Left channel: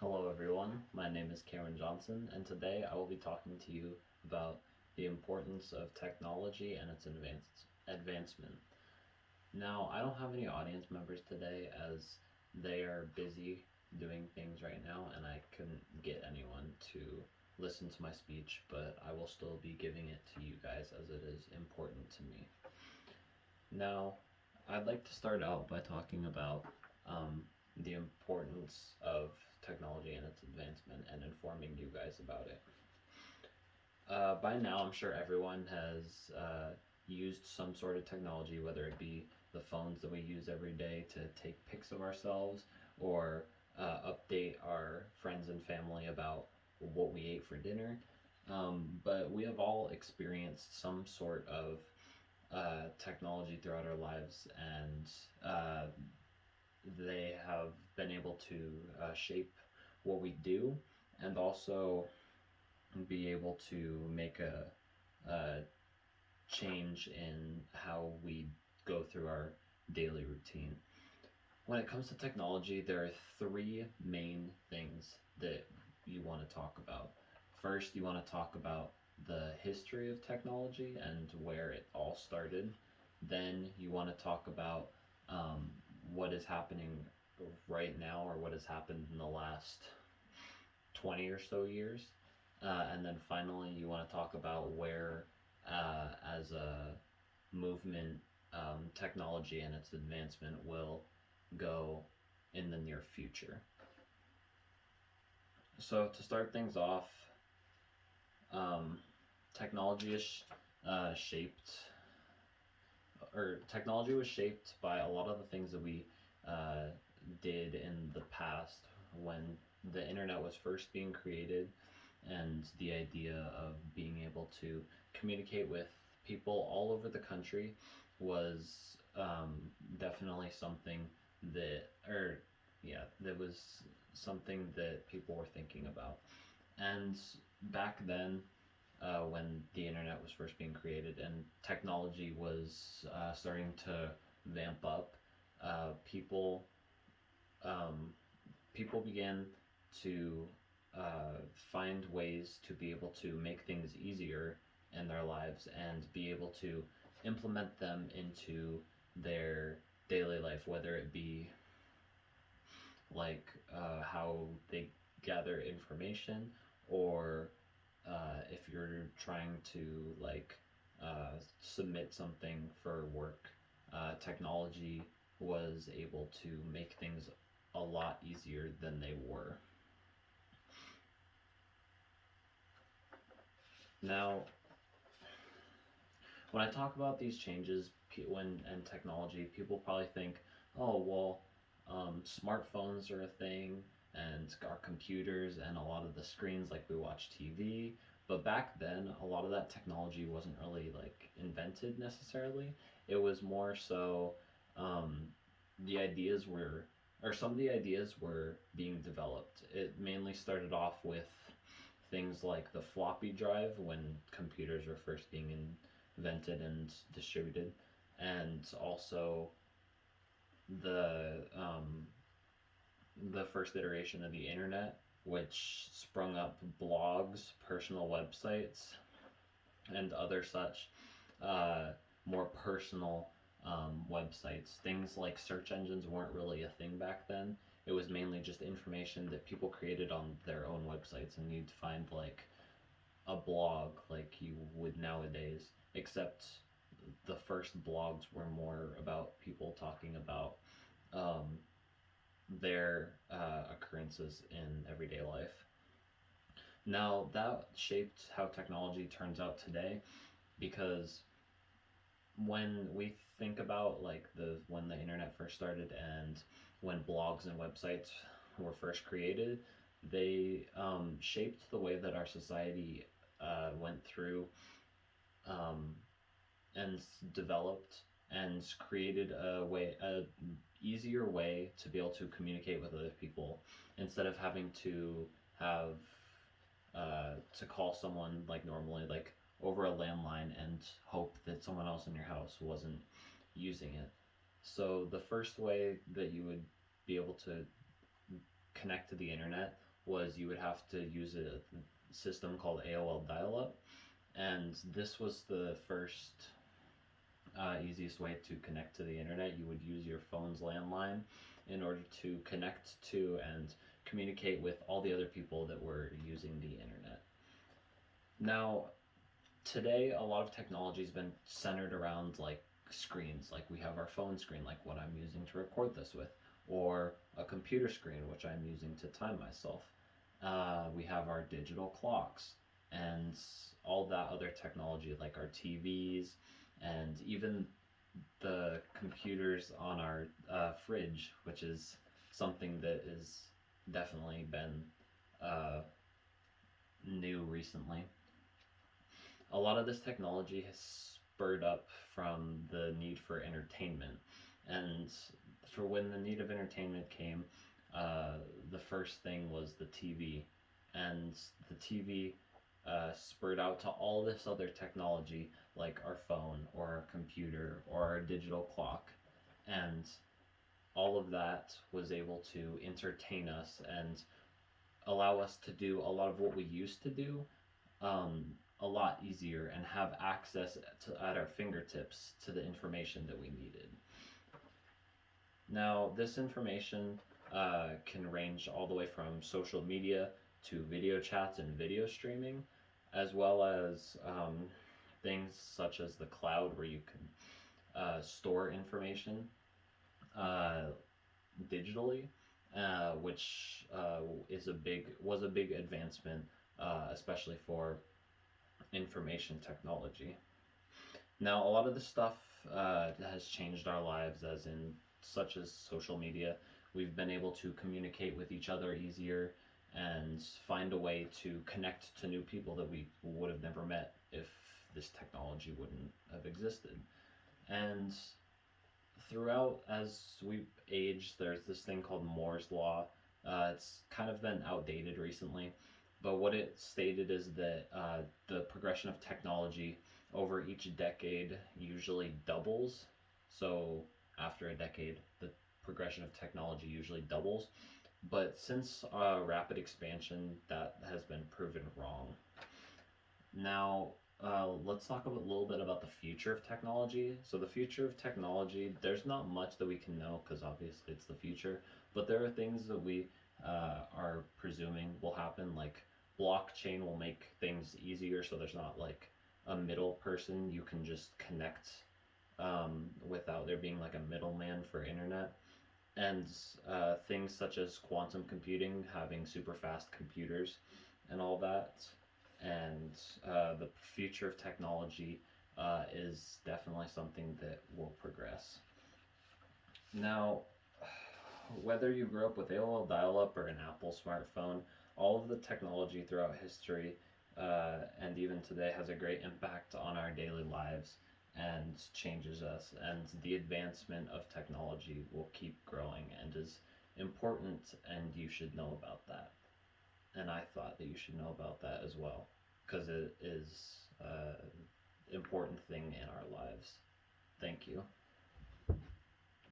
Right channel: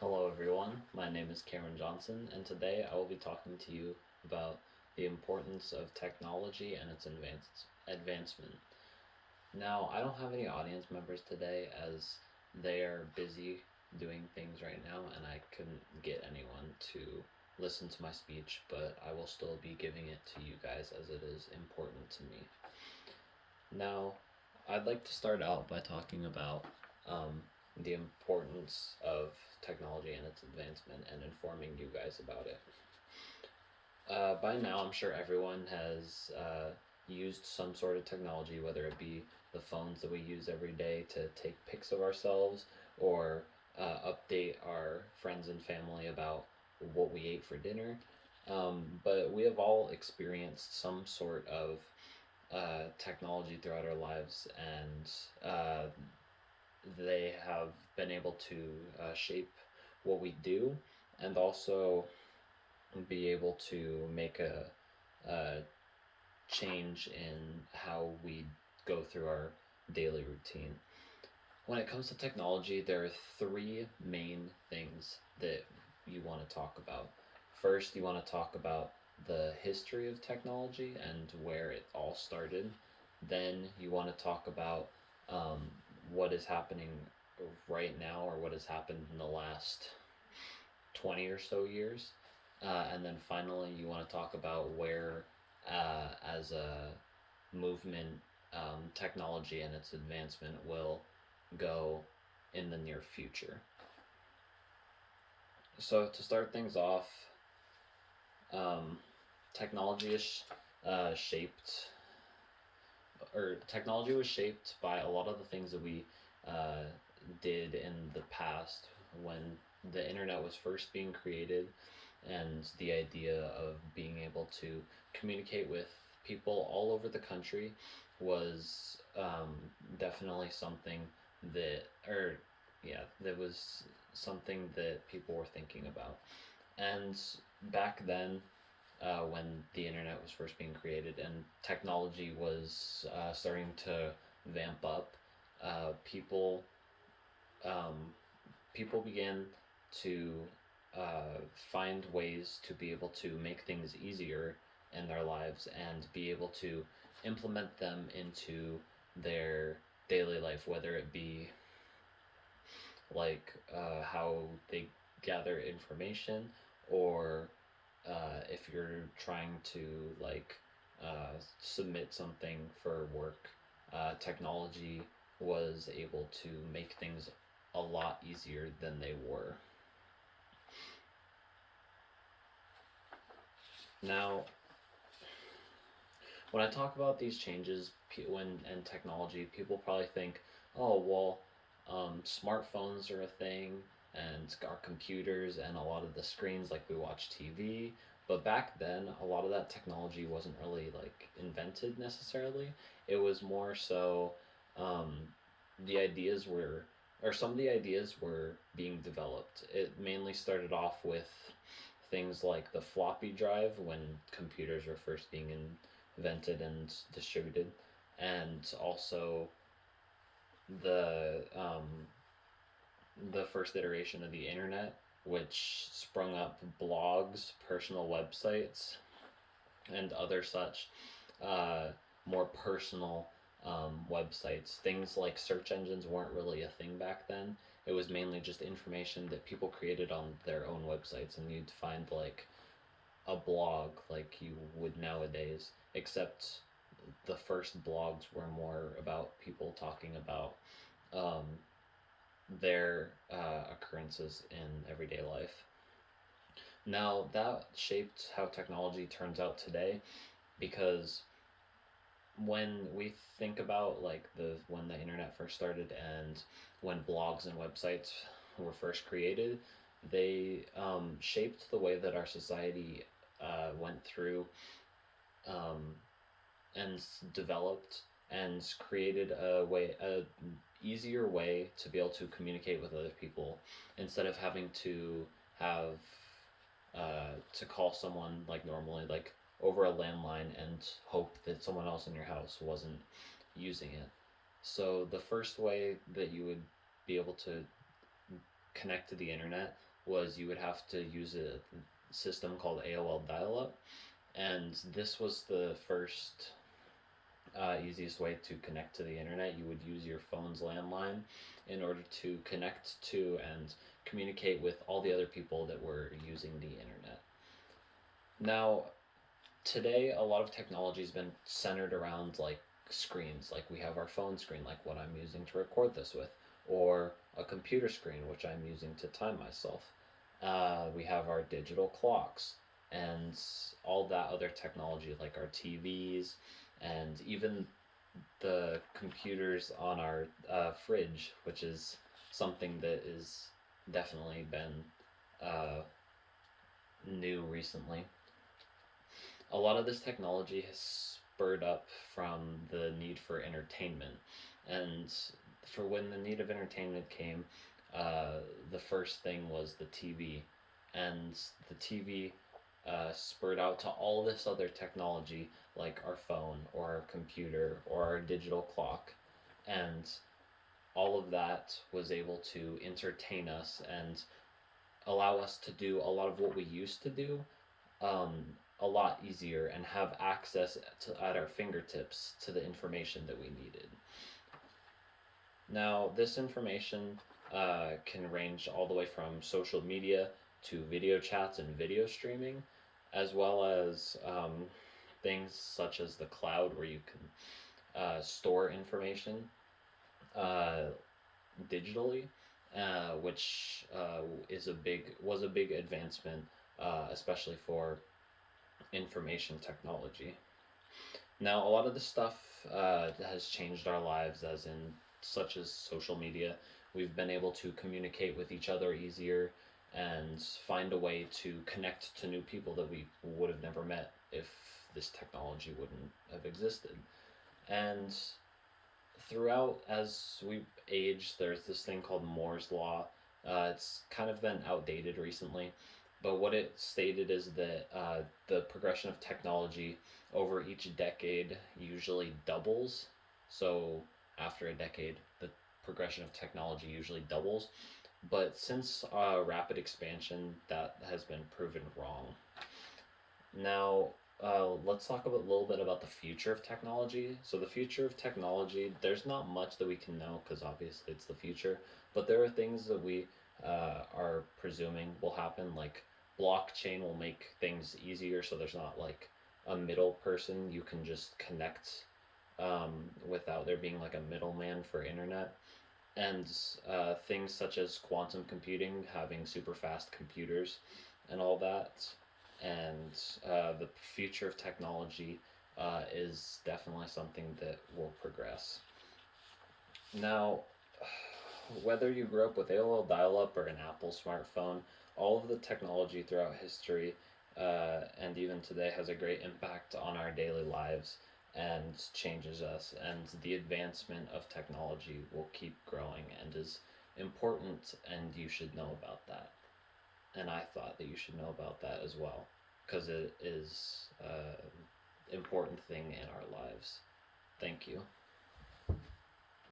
Hello, everyone. My name is Cameron Johnson, and today I will be talking to you about the importance of technology and its advancement. Now, I don't have any audience members today as they are busy doing things right now, and I couldn't get anyone to listen to my speech, but I will still be giving it to you guys as it is important to me. Now, I'd like to start out by talking about um, the importance of technology and its advancement and informing you guys about it. By now, I'm sure everyone has used some sort of technology, whether it be the phones that we use every day to take pics of ourselves or update our friends and family about what we ate for dinner. But we have all experienced some sort of technology throughout our lives, and they have been able to shape what we do and also be able to make a change in how we go through our daily routine. When it comes to technology, there are three main things that you want to talk about. First, you want to talk about the history of technology and where it all started. Then, you want to talk about um, what is happening right now or what has happened in the last 20 or so years. And then finally, you want to talk about where, as a movement, technology and its advancement will go in the near future. So, to start things off, um, technology is shaped, or technology was shaped by a lot of the things that we uh, did in the past when the internet was first being created, and the idea of being able to communicate with people all over the country was definitely something that was something that people were thinking about. And back then, when the internet was first being created and technology was starting to vamp up, uh, people um, people began to find ways to be able to make things easier in their lives and be able to implement them into their daily life, whether it be like how they gather information, or if you're trying to like submit something for work, technology was able to make things a lot easier than they were. Now, when I talk about these changes when and technology, people probably think, oh well, smartphones are a thing, and our computers and a lot of the screens like we watch TV. But back then, a lot of that technology wasn't really like invented necessarily. It was more so um, the ideas were, or some of the ideas were being developed. It mainly started off with things like the floppy drive when computers were first being invented and distributed, and also the first iteration of the internet, which sprung up blogs, personal websites, and other such uh, more personal websites. Things like search engines weren't really a thing back then. It was mainly just information that people created on their own websites, and you'd find like a blog like you would nowadays, except the first blogs were more about people talking about um, their occurrences in everyday life. Now, that shaped how technology turns out today, because when we think about like the when the internet first started and when blogs and websites were first created, they shaped the way that our society went through um, and developed and created a easier way to be able to communicate with other people instead of having to have to call someone like normally, like over a landline, and hope that someone else in your house wasn't using it. So the first way that you would be able to connect to the internet was you would have to use a system called AOL dial-up, and this was the first easiest way to connect to the internet. You would use your phone's landline in order to connect to and communicate with all the other people that were using the internet. Now, today, a lot of technology has been centered around like screens. Like we have our phone screen, like what I'm using to record this with, or a computer screen, which I'm using to time myself. We have our digital clocks and all that other technology, like our TVs, and even the computers on our fridge, which is something that is definitely been uh, new recently. A lot of this technology has spurred up from the need for entertainment. And for when the need of entertainment came, the first thing was the TV. And the TV spurred out to all this other technology like our phone or our computer or our digital clock. And all of that was able to entertain us and allow us to do a lot of what we used to do um, a lot easier and have access at our fingertips to the information that we needed. Now, this information can range all the way from social media to video chats and video streaming, as well as things such as the cloud where you can store information uh, digitally, which was a big advancement, especially for information technology. Now, a lot of the stuff has changed our lives, as in such as social media. We've been able to communicate with each other easier and find a way to connect to new people that we would have never met if this technology wouldn't have existed. And throughout, as we age, there's this thing called Moore's Law. It's kind of been outdated recently, but what it stated is that the progression of technology over each decade usually doubles. So after a decade, the progression of technology usually doubles. But since rapid expansion, that has been proven wrong. Now, let's talk a little bit about the future of technology. So, the future of technology, there's not much that we can know because obviously it's the future, but there are things that we are presuming will happen, like blockchain will make things easier so there's not like a middle person. You can just connect without there being like a middleman for internet. And things such as quantum computing, having super fast computers and all that, and the future of technology is definitely something that will progress. Now, whether you grew up with AOL dial up or an Apple smartphone, all of the technology throughout history and even today has a great impact on our daily lives and changes us. And the advancement of technology will keep growing and is important, and you should know about that. And I thought that you should know about that as well, because it is an important thing in our lives. Thank you.